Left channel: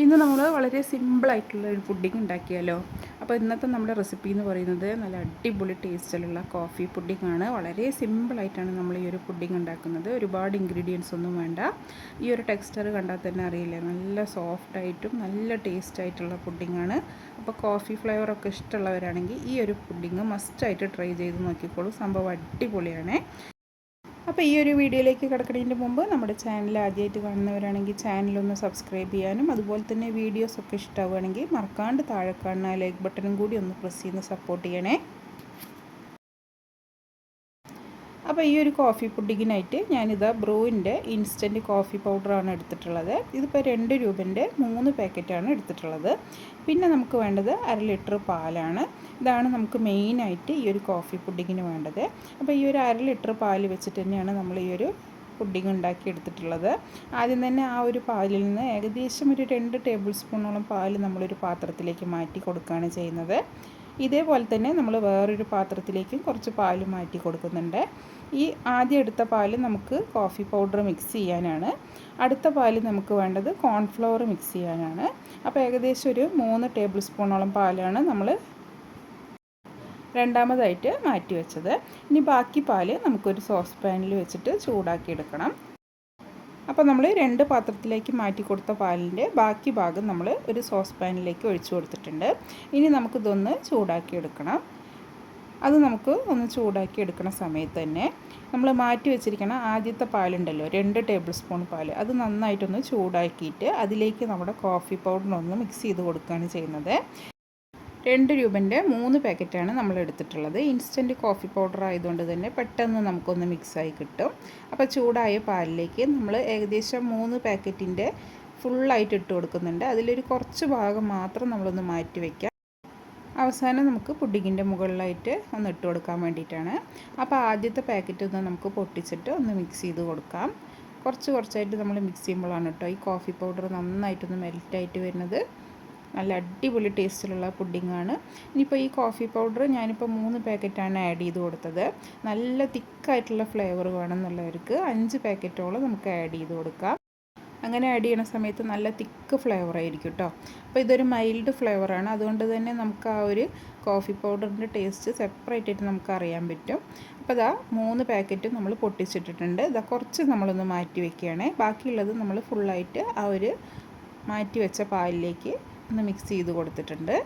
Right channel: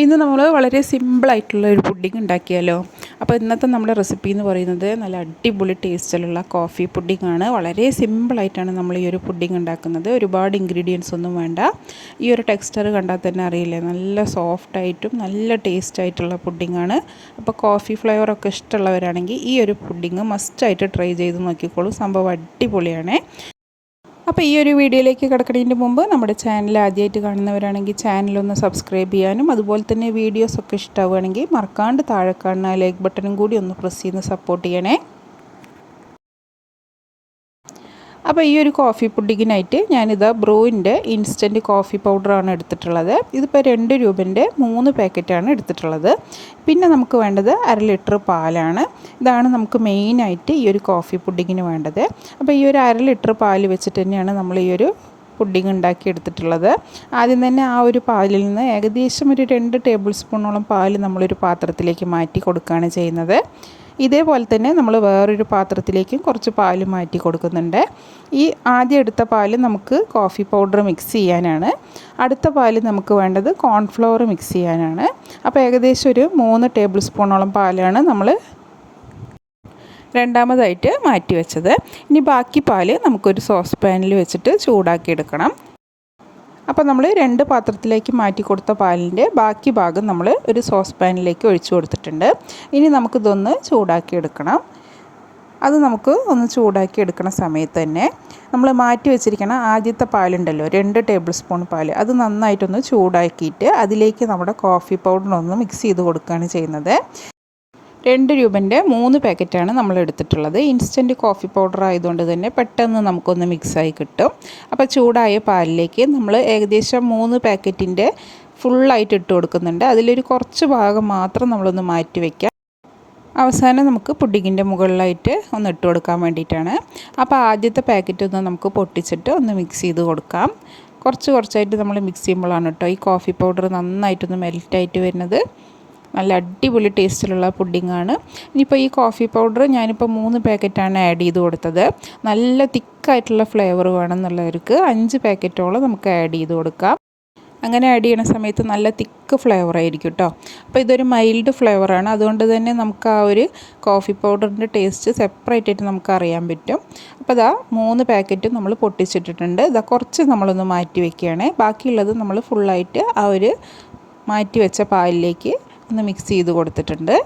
ഇന്ന് നമ്മൾ വളരെ സിമ്പിളായിട്ടുള്ള ഒരു പുഡിംഗ് ഉണ്ടാക്കിയാലോ? അപ്പോൾ ഇന്നത്തെ നമ്മുടെ റെസിപ്പി എന്ന് പറയുന്നത് നല്ല അടിപൊളി ടേസ്റ്റിലുള്ള കോഫി പുഡിംഗ് ആണ്. വളരെ സിമ്പിളായിട്ടാണ് നമ്മൾ ഈ ഒരു പുഡിംഗ് ഉണ്ടാക്കുന്നത്. ഒരുപാട് ഇൻഗ്രീഡിയൻസ് ഒന്നും വേണ്ട. ഈ ഒരു ടെക്സ്ചർ കണ്ടാൽ തന്നെ അറിയില്ലേ? നല്ല സോഫ്റ്റായിട്ടും നല്ല ടേസ്റ്റ് ആയിട്ടുള്ള പുഡിംഗ് ആണ്. അപ്പോൾ കോഫി ഫ്ലേവറൊക്കെ ഇഷ്ടമുള്ളവരാണെങ്കിൽ ഈ ഒരു പുഡിംഗ് മസ്റ്റായിട്ട് ട്രൈ ചെയ്ത് നോക്കിക്കോളൂ. സംഭവം അടിപൊളിയാണ്. അപ്പോൾ ഈ ഒരു വീഡിയോയിലേക്ക് കിടക്കുന്നതിന് മുമ്പ് നമ്മുടെ ചാനൽ ആദ്യമായിട്ട് കാണുന്നവരാണെങ്കിൽ ചാനലൊന്ന് സബ്സ്ക്രൈബ് ചെയ്യാനും അതുപോലെ തന്നെ വീഡിയോസൊക്കെ ഇഷ്ടമാവുകയാണെങ്കിൽ മറക്കാണ്ട് താഴെ കാണുന്ന ലൈക്ക് ബട്ടണും കൂടി ഒന്ന് പ്രസ് ചെയ്ത് സപ്പോർട്ട് ചെയ്യണേ. അപ്പോൾ ഈ ഒരു കോഫി പുഡിങ്ങിനായിട്ട് ഞാനിതാ ബ്രൂവിന്റെ ഇൻസ്റ്റന്റ് കോഫി പൗഡറാണ് എടുത്തിട്ടുള്ളത്. ഇതിപ്പോൾ രണ്ട് രൂപന്റെ മൂന്ന് പാക്കറ്റാണ് എടുത്തിട്ടുള്ളത്. പിന്നെ നമുക്ക് വേണ്ടത് അര ലിറ്റർ പാലാണ്. ഇതാണ് നമുക്ക് മെയിനായിട്ട് ഈ ഒരു കോഫി പുഡിങ്ങിന് വേണ്ടത്. അപ്പോൾ ഈ ഒരു അര ലിറ്റർ പാൽ വെച്ചിട്ട് തന്നെയാണ് നമ്മൾ ഈ ഒരു പുഡിംഗ് ഉണ്ടാക്കി എടുത്തിട്ടുള്ളത്. ആദ്യം തന്നെ ആ ഒരു പാലിൽ നിന്ന് ഏകദേശം ഒരു രണ്ട് ടേബിൾ സ്പൂണോളം പാൽ നമ്മളൊരു പാത്രത്തിലേക്ക് മാറ്റി കൊടുക്കുകയാണ് ചെയ്യുന്നത്. ഇതേപോലെ തന്നെ നമ്മൾ വേറൊരു പാത്രത്തിലേക്കും കുറച്ച് പാൽ മാറ്റി കൊടുക്കുന്നുണ്ട്. ഈ ആദ്യം എടുത്ത പാൽ നമുക്ക് കോഫി പൗഡർ മിക്സ് ചെയ്യാനാണ്. അടുത്ത പാൽ നമുക്ക് വേണ്ടത് കോൺഫ്ലവർ മിക്സ് ചെയ്യാനാണ്. അപ്പോൾ ഏകദേശം ഒരു മൂന്ന് ടേബിൾ സ്പൂണോളം പാലാണ് നമ്മൾ രണ്ടാമതായിട്ട് മാറ്റി വെച്ചത്. ഇനി ബാക്കി പാൽ നമുക്കൊരു സോസ് പാനിൽ വെച്ചിട്ട് ചൂടാക്കി എടുക്കണം. അപ്പോൾ നമ്മൾ രണ്ട് പാത്രത്തിലേക്ക് മാറ്റി കൊടുത്ത പാലിന്റെ ബാക്കി ഭാഗം നമ്മൾ ഒരു സോസ് പാനിലേക്ക് ഒഴിച്ചു കൊടുത്തിട്ടുണ്ട്. ഇനി നമുക്കിതൊന്ന് ചൂടാക്കി എടുക്കണം. അത് നമുക്ക് ഒന്ന് ചൂടാക്കി എടുക്കുന്ന സമയത്ത് തന്നെ നമ്മൾ മാറ്റി വെച്ചിരിക്കുന്ന ആദ്യത്തെ പാലുണ്ടല്ലോ രണ്ട് ടേബിൾ സ്പൂൺ പാൽ അത് നന്നായിട്ടൊന്ന് ചൂടാക്കിയിട്ട് അതിലേക്ക് നമ്മുടെ കോഫി പൗഡർ ഒന്ന് മിക്സ് ചെയ്ത് കൊടുക്കുകയാണ് ചെയ്യുന്നത്. രണ്ട് രൂപന്റെ മൂന്ന് പാക്കറ്റാണ് നമ്മൾ എടുത്തിട്ടുള്ളത്. ഇൻസ്റ്റന്റ് കോഫി പൗഡർ ആയതുകൊണ്ട് തന്നെ പെട്ടെന്ന് നമുക്കൊന്ന് മിക്സായി കിട്ടും. അപ്പോൾ ചൂടായ പാലിലേക്ക് നമ്മൾ ഏകദേശം മൂന്ന് പാക്കറ്റിന്റെ ഫുള്ളായിട്ട് ഇട്ട് കൊടുക്കുന്നുണ്ട്. അതിലൊരു കുറച്ച് ഭാഗം മാത്രം നമ്മളൊന്ന് മാറ്റി വയ്ക്കാം അവസാനം നമുക്ക് പുഡിങ്ങിന്റെ മുകളിലായിട്ട് ഒന്ന് ഇട്ട് കൊടുക്കാൻ വേണ്ടിയിട്ടാണ്. അപ്പോൾ ആദ്യത്തെ പാക്കറ്റ് ഒന്ന് നമുക്ക് പൊട്ടിച്ചിട്ട് ഒന്ന് മിക്സ് ചെയ്ത് കൊടുക്കാം. കുറച്ച് കുറച്ചായിട്ട് നമ്മൾ മിക്സ് ചെയ്യുമ്പോഴാണ് കേട്ടോ ഈ കോഫി പൗഡർ നന്നായിട്ടൊന്ന് മെൽറ്റായിട്ട് വരുന്നത്. നല്ല അടിപൊളി ടേസ്റ്റിലുള്ള പുഡിങ്ങാണ്. ഇനിയിപ്പോൾ ഈ കോഫി പൗഡർ ഞാനിപ്പോൾ മൂന്ന് പാക്കറ്റാണ് ആഡ് ചെയ്ത് കൊടുത്തത്. നല്ല തിക്കായിട്ടുള്ള ഫ്ലേവർ വേണമെന്നുള്ളവർക്ക് അഞ്ച് പാക്കറ്റോളം നമുക്ക് ആഡ് ചെയ്ത് കൊടുക്കാം. അങ്ങനെ ആഡ് ചെയ്യുന്ന സമയത്ത് നല്ല തിക്ക് ഫ്ലേവർ ആയിരിക്കും കേട്ടോ അപ്പോൾ ഇതൊരു മൈൽഡ് ഫ്ലേവറാണ് അതുകൊണ്ട് തന്നെ നമുക്ക് ആ ഒരു കോഫി പൗഡറിന്റെ ടേസ്റ്റ് സെപ്പറേറ്റ് ആയിട്ട് നമുക്ക് അറിയാൻ പറ്റും. അപ്പോൾ ഇതാ മൂന്ന് പാക്കറ്റും നമ്മൾ പൊട്ടിച്ചിട്ടിട്ടുണ്ട്. ഇതാ കുറച്ച് നമ്മളൊന്ന് മാറ്റി വെക്കുകയാണ്. ബാക്കിയുള്ളത് നമ്മൾ ഫുള്ളായിട്ട് ആ ഒരു മാറ്റി വെച്ച പാലിലേക്ക് ഒന്ന് മിക്സ് ചെയ്ത് കൊടുത്തിട്ടുണ്ട്.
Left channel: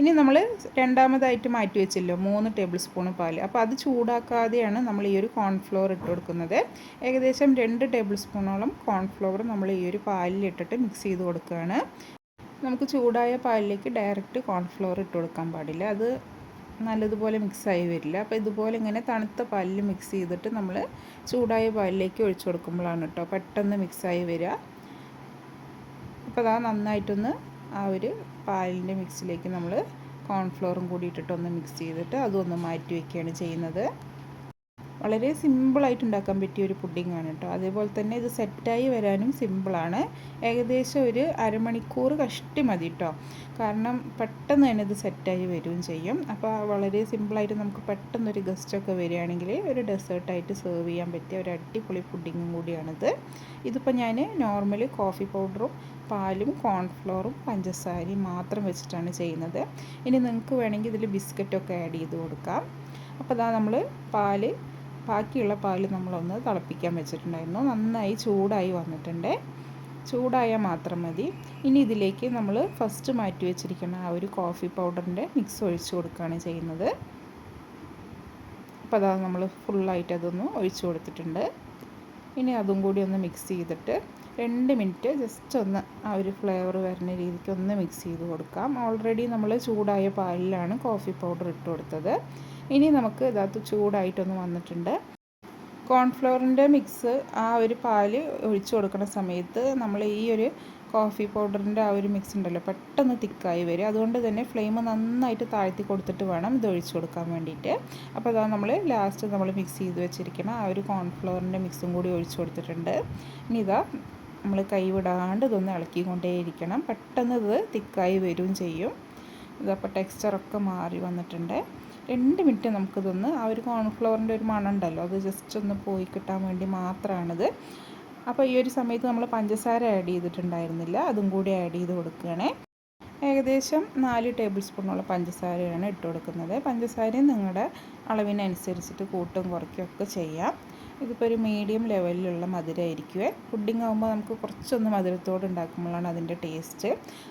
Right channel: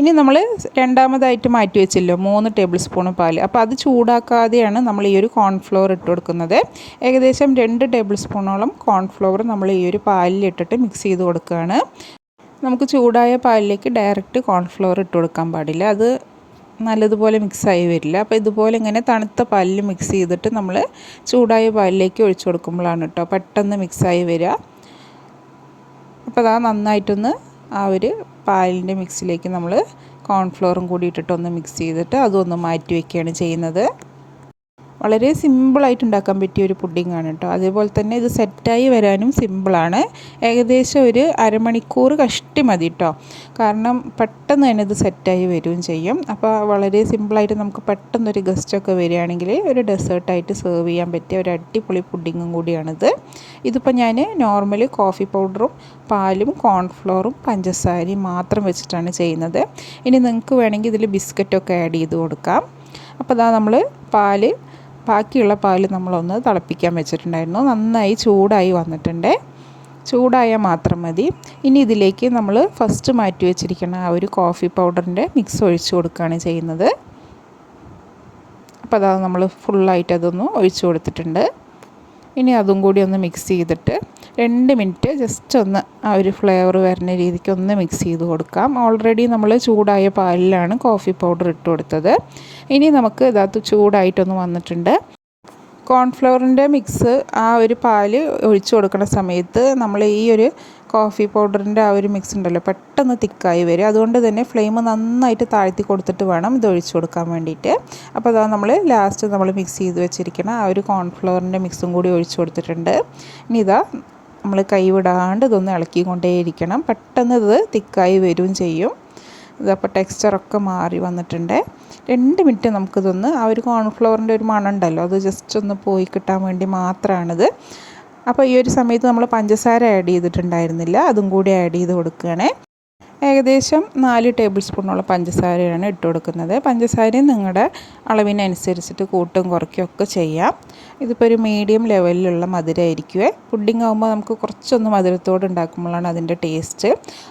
ഇനി നമ്മൾ രണ്ടാമതായിട്ട് മാറ്റി വെച്ചല്ലോ മൂന്ന് ടേബിൾ സ്പൂൺ പാൽ അപ്പോൾ അത് ചൂടാക്കാതെയാണ് നമ്മൾ ഈ ഒരു കോൺഫ്ലവർ ഇട്ട് കൊടുക്കുന്നത്. ഏകദേശം രണ്ട് ടേബിൾ സ്പൂണോളം കോൺഫ്ലവർ നമ്മൾ ഈ ഒരു പാലിൽ ഇട്ടിട്ട് മിക്സ് ചെയ്ത് കൊടുക്കുകയാണ്. നമുക്ക് ചൂടായ പാലിലേക്ക് ഡയറക്റ്റ് കോൺഫ്ലവർ ഇട്ട് കൊടുക്കാൻ പാടില്ല. അത് നല്ലതുപോലെ മിക്സായി വരില്ല. അപ്പോൾ ഇതുപോലെ ഇങ്ങനെ തണുത്ത പാലിൽ മിക്സ് ചെയ്തിട്ട് നമ്മൾ ചൂടായ പാലിലേക്ക് ഒഴിച്ചു കൊടുക്കുമ്പോഴാണ് കേട്ടോ പെട്ടെന്ന് മിക്സായി വരിക. അപ്പോൾ അതാ നന്നായിട്ടൊന്ന് ആ ഒരു പാലിന്റെ മിക്സിലേക്ക് നമ്മൾ കോൺഫ്ലോറും കൂടി ഇട്ടിട്ടൊന്ന് മിക്സ് ചെയ്തിട്ട് അതൊന്ന് മാറ്റി വയ്ക്കുകയാണ് ചെയ്യുന്നത്. വളരെ സിമ്പിളായിട്ട് ഉണ്ടാക്കാൻ പറ്റിയ ഒരു പുഡിംഗ് ആണ് കേട്ടോ. അതേപോലെ തന്നെ ഇത് സെറ്റായി വരാനും സിമ്പിളാണ് ഏകദേശം ഒരു അരമണിക്കൂർ കഷ്ടി മതി കേട്ടോ. കാരണം പെട്ടെന്ന് തന്നെ ഇത് സെറ്റായി വരികയും ചെയ്യും. അപ്പോൾ വളരെ സിമ്പിളായിട്ട് നമുക്ക് പെട്ടെന്നൊരു ഗസ്റ്റൊക്കെ വരികയാണെങ്കിൽ ഒരു ഡെസേർട്ടായിട്ട് സെർവ് ചെയ്യാൻ പറ്റിയ ഒരു അടിപൊളി പുഡിങ്ങും കൂടിയാണിത്. ഇതിപ്പോൾ ഞാൻ നോർമൽ കോഫി പൗഡറും പാലും കോൺഫ്ലോറും പഞ്ചസാരയും മാത്രം വെച്ചിട്ടാണ് ചെയ്യുന്നത്. ഇനി നിങ്ങൾക്ക് വേണമെങ്കിൽ ഇതിൽ ബിസ്ക്കറ്റൊക്കെ ആഡ് ചെയ്ത് കൊടുക്കാം. അപ്പോൾ അതാ നമ്മൾ പാൽ ബാക്കിയുള്ള പാൽ നമ്മളൊന്ന് തിളപ്പിക്കാൻ വെച്ചിട്ടുണ്ടായിരുന്നു. നന്നായി ചൂടായി വന്നിട്ടുണ്ട്. ചൂടായാൽ മാത്രം മതി. ഇനി ഇതിലേക്ക് നമ്മൾ ഫസ്റ്റ് മാറ്റി വെച്ചിരിക്കുന്ന ആ ഒരു കോഫി പൗഡറിന്റെ മിക്സ് ഒഴിച്ചു കൊടുക്കുകയാണ് ചെയ്യുന്നത്. അപ്പോൾ അതാ നമ്മൾ ഫുള്ളായിട്ട് അതൊന്ന് ഒഴിച്ചു കൊടുത്തിട്ടുണ്ട്. ഇനി അതും കൂടി ഒന്ന് മിക്സ് ചെയ്തിട്ട് രണ്ട് മിനിറ്റ് ജസ്റ്റ് ഒന്ന് ആ ഒരു ഫ്ലേവർ വരുന്ന രീതിക്ക് ഒന്ന് മിക്സ് ചെയ്ത് കൊടുക്കാം. ഓൾറെഡി നമ്മൾ ചൂടായ പാലിലാണ് കോഫി പൗഡർ ഇട്ട് കൊടുത്തത്. ഇനി നമുക്ക് ഇതകത്ത് ചൂടായിട്ടൊന്ന് വന്നിട്ടുണ്ട്. കോൺഫ്ലവറിന്റെ മിക്സ് ആ ഒരു പാൽ ഒഴിച്ചു കൊടുക്കുന്ന സമയത്ത് നമ്മൾ ഈ ഒരു കോഫി പൗഡറിന്റെ ആ ഒരു മിക്സ് ഉണ്ടല്ലോ പെട്ടെന്ന് തിക്കായി വരും. അതുകൊണ്ട് തന്നെ ഫ്ലെയിം നന്നായിട്ട് താഴ്ത്തി കൊടുത്തിട്ട് വേണം ഇത് ഒഴിച്ചു കൊടുക്കാൻ വേണ്ടിയിട്ട്. അപ്പോൾ അതാ നമ്മൾ ലാസ്റ്റ് നമ്മൾ മിക്സ് ചെയ്ത് വെച്ചിരിക്കണം ആ ഒരു കോൺഫ്ലവറിന്റെ മിക്സും കൂടി ഒഴിച്ചു കൊടുത്തിട്ടുണ്ട്. ഇനി ഇതാ നമ്മൾ കൈവിടാണ്ട് ഇതൊന്ന് ഇളക്കിക്കൊണ്ടേയിരിക്കണം. പെട്ടെന്ന് ഇത് തിക്കായി വരും ചെയ്യും. ഇതപ്പോൾ ടെക്സ്ചറൊക്കെ മാറി വന്നിട്ടുണ്ട്. രണ്ട് മിനിറ്റ് നമുക്കിതൊന്ന് ആ ഒരു കോൺഫ്ലവറിന്റെ ഒരു മണം ഉണ്ടല്ലോ അത് ജസ്റ്റ് ഒന്ന് പോയി കിട്ടാൻ വേണ്ടി മാത്രമാണിത് അപ്പോൾ ഈ ഒരു സമയത്ത് നമ്മൾ പഞ്ചസാര ആഡ് ചെയ്തിട്ടുണ്ടായിരുന്നില്ല അതും കൂടി ആഡ് ചെയ്ത് കൊടുക്കുകയാണേ. ഏകദേശം നാല് ടേബിൾ സ്പൂണോളം പഞ്ചസാരയാണ് ഇട്ട് കൊടുക്കുന്നത്. പഞ്ചസാരയും നിങ്ങളുടെ അളവിനനുസരിച്ചിട്ട് കൂട്ടും കുറയ്ക്കും ഒക്കെ ചെയ്യാം. ഇതിപ്പോൾ ഒരു മീഡിയം ലെവലിലുള്ള മധുരമായിരിക്കുമേ പുഡിംഗ് ആകുമ്പോൾ നമുക്ക് കുറച്ചൊന്ന് മധുരത്തോട് ഉണ്ടാക്കുമ്പോഴാണ് അതിന്റെ ടേസ്റ്റ്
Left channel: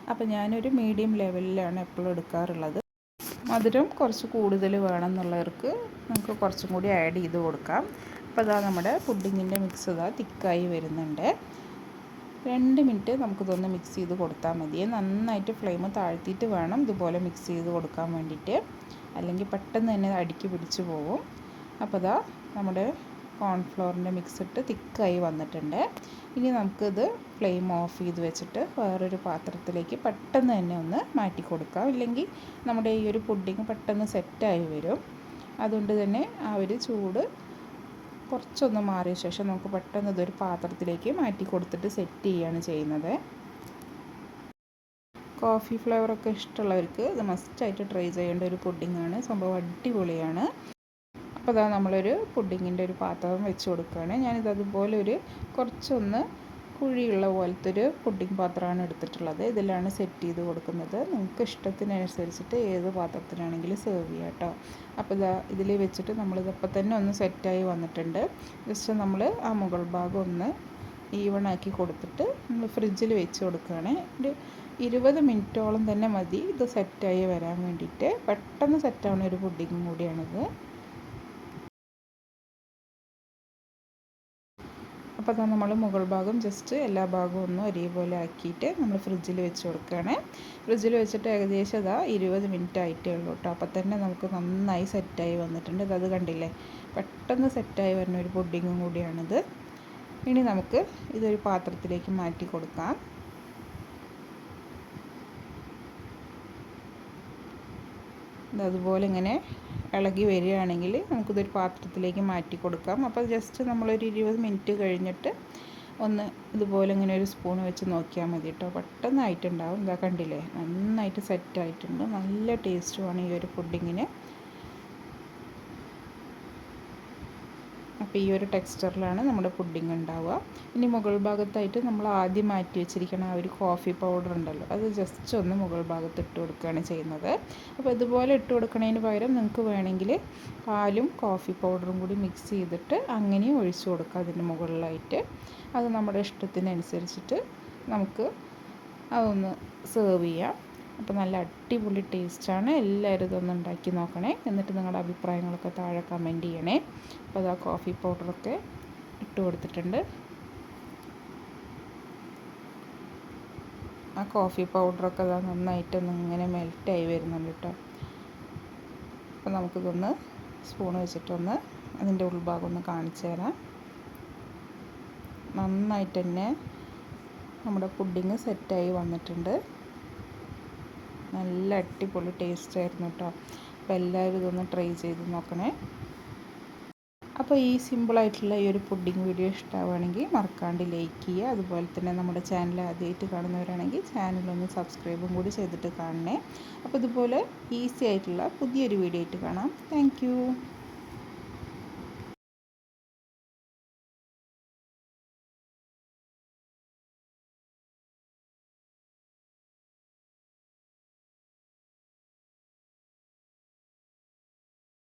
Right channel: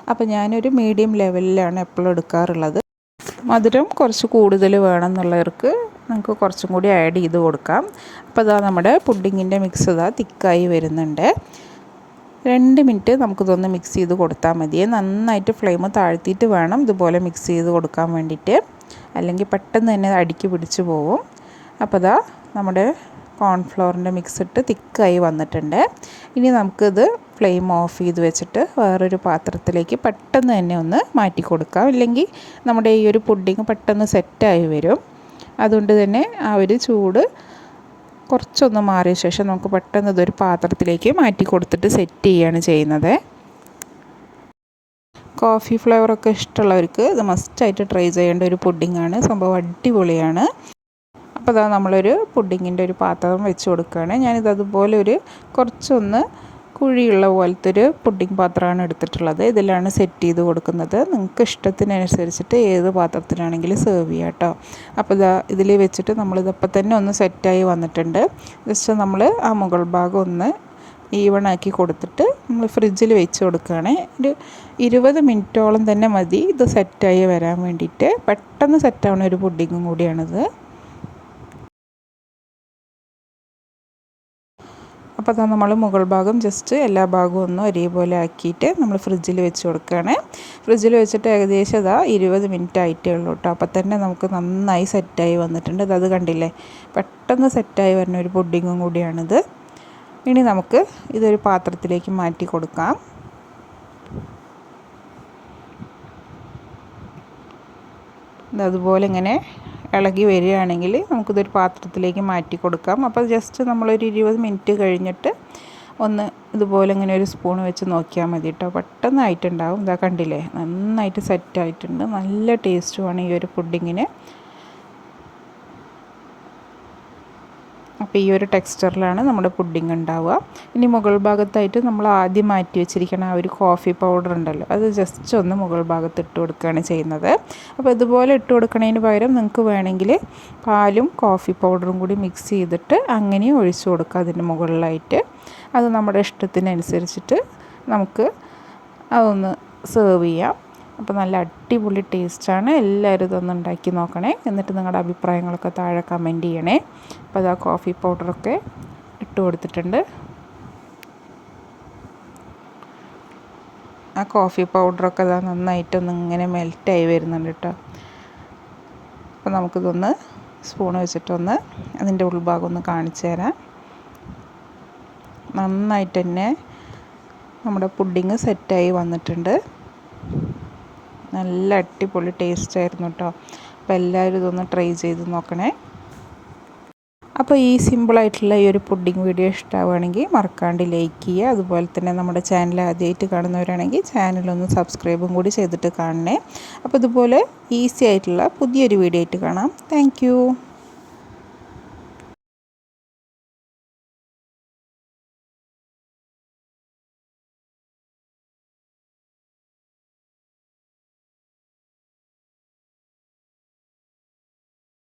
അപ്പോൾ ഞാനൊരു മീഡിയം ലെവലിലാണ് എപ്പോഴും എടുക്കാറുള്ളത്. മധുരം കുറച്ച് കൂടുതൽ വേണമെന്നുള്ളവർക്ക് നമുക്ക് കുറച്ചും കൂടി ആഡ് ചെയ്ത് കൊടുക്കാം. അപ്പോൾ ഇതാ നമ്മുടെ പുഡിങ്ങിന്റെ മിക്സ് ഇതാ തിക്കായി വരുന്നുണ്ട്. രണ്ട് മിനിറ്റ് നമുക്കിതൊന്ന് മിക്സ് ചെയ്ത് കൊടുത്താൽ മതി. നന്നായിട്ട് ഫ്ലെയിം താഴ്ത്തിയിട്ട് വേണം ഇതുപോലെ മിക്സ് ചെയ്ത് കൊടുക്കാൻ വേണ്ടിയിട്ട്. അല്ലെങ്കിൽ പെട്ടെന്ന് തന്നെ അടിക്ക് പിടിച്ച് പോകും അപ്പോൾ ഇതാ നമ്മുടെ കോൺഫ്ലോറിന്റെ മിക്സ് ഇട്ട് തിക്കായി വന്നിട്ടുണ്ട്. ഇനി നമുക്കിത് ഫ്ലെയിം ഓഫ് ചെയ്ത് വെച്ചിട്ട് വേറൊരു പാത്രത്തിലേക്ക് പെട്ടെന്ന് തന്നെ ഒന്ന് മാറ്റി കൊടുക്കാം. ഇല്ലെങ്കിൽ നമ്മുടെ ഈ ഒരു പുഡിങ് പെട്ടെന്ന് സെറ്റായി വരും. അതുകൊണ്ട് തന്നെ ആ ഒരു ചൂട് കുറച്ചൊന്ന് മാറിയ ശേഷം നമുക്ക് പെട്ടെന്ന് ഇതൊരു പാത്രത്തിലേക്ക് മാറ്റി കൊടുത്തിട്ട് സെറ്റ് ചെയ്യുകയാണ് ചെയ്യുന്നത്. കോഫി ഫ്ലേവറൊക്കെ ഇഷ്ടമുള്ളവർക്ക് ഇത് മസ്റ്റായിട്ട് ട്രൈ ചെയ്യേണ്ട ഒരു പുഡിങ്ങാണ് സംഭവം അടിപൊളിയാണ്. അപ്പോൾ അതാ നമ്മളൊരു പുഡിങ്ങിന്റെ ഒരു പാത്രം വെച്ച് കൊടുക്കുകയാണ്. ഞാനിത് അതുപോലെ ഒരു കുറച്ചൊന്ന് കുഴിയുള്ള പോലത്തെ ഒരു പുഡിംഗ് പാത്രമാണ് എടുത്തിട്ടുള്ളത്. ഇതിലാണ് സെറ്റ് ചെയ്ത് കൊടുക്കുന്നത്. നിങ്ങൾക്ക് ഇഷ്ടത്തിനനുസരിച്ചിട്ട് ഏത് പാത്രത്തിലാണെങ്കിലും സെർവ് ചെയ്യാം കേട്ടോ. അപ്പോൾ ഇതാ ഇതിൽ വെച്ചിട്ട് നമ്മളിതപ്പം തന്നെ ഒന്ന് സെറ്റായി വന്നിട്ടുണ്ട്. ജസ്റ്റ് നമ്മൾ ആ മുകൾ ഭാഗം ഒന്ന് ഈവൺ ആക്കി കൊടുത്തിട്ട് നമ്മൾ ഫ്രിഡ്ജിൽ വെച്ച് കൊടുക്കുകയാണ്. ഒരു ഇരുപത് മിനിറ്റോളം തന്നെ മതി ഇത് സെറ്റായി വരാൻ വേണ്ടിയിട്ട്. പെട്ടെന്ന് സെറ്റാവുന്ന ഒരു പുഡിങ്ങും കൂടിയാണിത്. അപ്പോൾ അതാ നമ്മൾ മുകൾ ഭാഗം ജസ്റ്റ് എല്ലാ ഭാഗവും ഒന്ന് ഒരേപോലെ ആക്കിയിട്ട് നമ്മൾ ഫ്രിഡ്ജിൽ വെച്ച് കൊടുക്കുകയാണ്. ഫ്രിഡ്ജിൽ വെച്ചിട്ട് ഏകദേശം അതാ ഇരുപത് മിനിറ്റ് ആയിട്ടേ ഉള്ളൂ കേട്ടോ. അപ്പോൾ തന്നെ നമുക്ക് നന്നായി സെറ്റായി വന്നിട്ടുണ്ട്. അത് കണ്ടില്ലേ? പെട്ടെന്ന് സെറ്റായി വരുന്ന ഒരു പുഡിങ്ങും കൂടിയാണിത്. ഇനി നമുക്ക് ഇതൊരു പാത്രത്തിലേക്ക് മാറ്റി കൊടുക്കാം. അതുപോലെ ഇങ്ങനെ ഇളകി വരികയാണെങ്കിൽ നമുക്കിതൊരു പാത്രത്തിലേക്ക് മാറ്റി കൊടുക്കാം. അപ്പോൾ ജസ്റ്റ് നമ്മളൊരു ഇരുപത് മിനിറ്റ് കഴിഞ്ഞിട്ട് ഒന്ന് ഇതുപോലെ ഇങ്ങനെ ഒരു സ്പൂൺ വെച്ച് നോക്കിയാൽ മതി കേട്ടോ. പെട്ടെന്നായിട്ടുണ്ടാവും. ഇതാ കണ്ടില്ലേ? നന്നായിട്ട് സെറ്റായിട്ടുണ്ട് നല്ല ടേസ്റ്റുമാണ് ഈ ഒരു പുഡിങ്ങിന് അപ്പോൾ ഈ ഒരു ടെക്സ്ചറിലാണ് നമ്മുടെ പുഡിംഗ് ഉണ്ടാവുക. ഇനി മുകൾ ഭാഗത്തായിട്ട് നമ്മൾ ആദ്യം മാറ്റി വെച്ചിരിക്കുന്ന ആ ഒരു കോഫി പൗഡർ ഉണ്ടല്ലോ അത് ജസ്റ്റ് ഒന്ന് മുകൾ ഭാഗത്ത് ഇട്ട് കൊടുക്കുകയാണ് ചെയ്യുന്നത്. അപ്പോൾ ഇതുപോലെ ഇട്ട് കൊടുക്കുന്നതിന് പകരം നിങ്ങൾക്ക് വേണമെങ്കിൽ പാലും കോഫി പൗഡറും കൂടി മിക്സ് ചെയ്തിട്ട് അങ്ങനെയും ഒഴിച്ചു കൊടുക്കുക അതിന്റെ മുകളിലായിട്ട്. അത് നമ്മുടെ ഇഷ്ടത്തിനനുസരിച്ചിട്ട് നമുക്ക് അതൊന്ന് സെർവ് ചെയ്യാം. അപ്പോൾ നല്ല അടിപൊളി ടേസ്റ്റാണ്. എല്ലാവരും ഇതൊന്ന് ഉണ്ടാക്കി നോക്കണേ. എന്നിട്ട് നിങ്ങളുടെ അഭിപ്രായങ്ങളൊക്കെ താഴെ കമന്റ് ചെയ്യണേ. അപ്പോൾ അതാ കോഫി പൗഡറൊക്കെ ഇട്ട് കൊടുത്തിട്ടുണ്ട്. ആ കോഫി പൗഡറൊക്കെ അതാ നന്നായിട്ടൊന്ന് ഇങ്ങനെ മെൽറ്റായി വരുന്നുണ്ട് കേട്ടോ. അപ്പോൾ നമുക്കിതൊന്ന് സ്പൂൺ വെച്ചിട്ടൊന്ന് അതിന്റെ ഉൾഭാഗം ഒന്ന് കാണിച്ചു തരാം. നന്നായിട്ട് തന്നെ നമ്മുടെ പുഡിങ് സെറ്റായി വന്നിട്ടുണ്ട്. നല്ല അടിപൊളി ടേസ്റ്റ് ആയിരുന്നു കേട്ടോ അപ്പോൾ എല്ലാവരും ഇതൊന്ന് ട്രൈ ചെയ്ത് നോക്കണേ. അപ്പോൾ ഈ സിമ്പിളായിട്ടുള്ള ഈ ഒരു പുഡിംഗ് വീഡിയോ ഇഷ്ടമാവുകയാണെങ്കിൽ മറക്കാണ്ട് ലൈക്ക് ചെയ്യുക. അതുപോലെ തന്നെ നമ്മുടെ ചാനൽ ആദ്യമായിട്ട് കാണുന്നവരാണെങ്കിൽ ചാനലൊന്ന് സബ്സ്ക്രൈബും കൂടി ചെയ്തിട്ട് കാണണേ. അപ്പോൾ ഇതുപോലെ ഈസി ആയിട്ടുള്ള പുതിയൊരു വീഡിയോ ആയിട്ട് കാണാം. താങ്ക്